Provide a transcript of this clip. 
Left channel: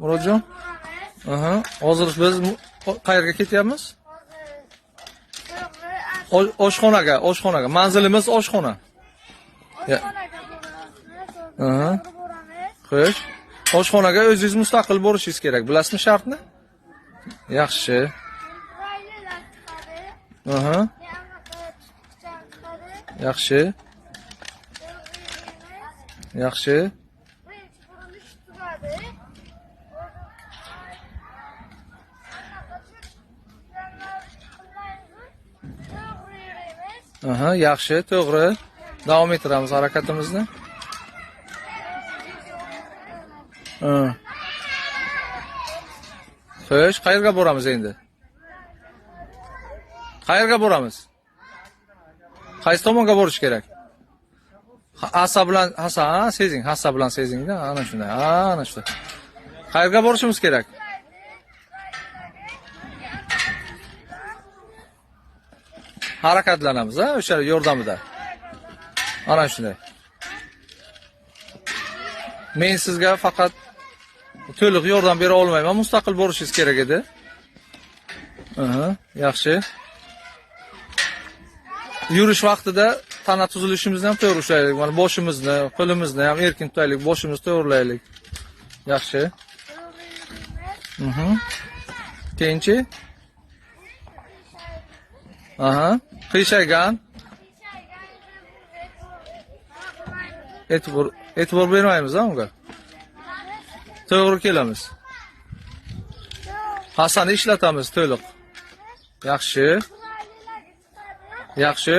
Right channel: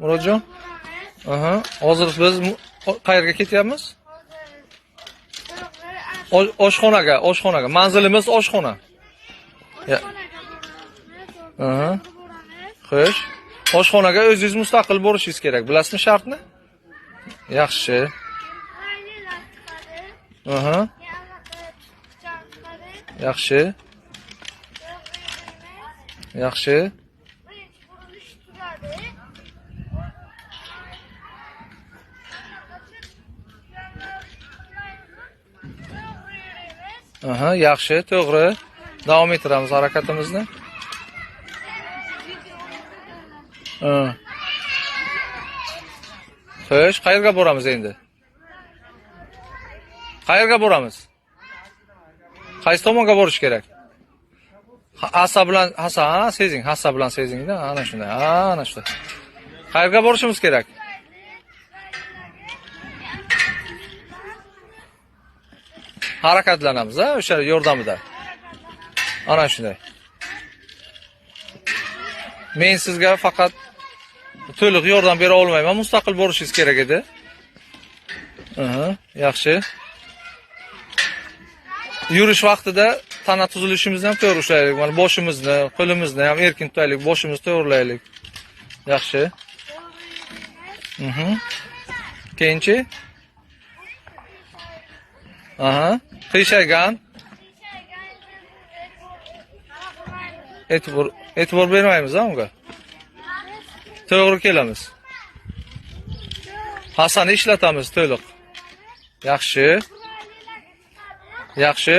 Murodjon? Aha. Hozir biz qayerga ketyapmiz? Oshxonaga. Manzilimiz oshxona. Aha. Xo'sh. Oshxonaga o'zingiz mustaqil bo'lishingiz kerak. Bilasizmi shartni? Yaxshi. Aha. Yaxshi. Yaxshi. Aha, yaxshi, to'g'ri. Davom ettiramiz harakatimizni. Xo'sh, qayerga boramiz endi? Qayerga boramiz? Qaysi tomonga borish kerak? Asa bilan, sezing, hassa bilan sezingda, ana shunday. Ana shu. Qayerga borishimiz kerak? Harakatlanamiz, o'sha yordamida. Ana shunday. Men sizga faqat to'liq yordam bera olmayman, mustaqil bo'lishingiz kerak edi. Yaxshi. Yurish vaqtida tana tuzilishimizni ham to'g'ri ushlaylik. Mana boshimizni, qo'limizni ham erkin tutaylik, boshimizni to'g'rilaylik. Yaxshi. Keyinchi? Aha, qiyshaygan. E'tibor bermaymiz unga. To'g'ri kelamiz. Hasani ishlatamiz to'liq. Yaxshi. Yaxshi.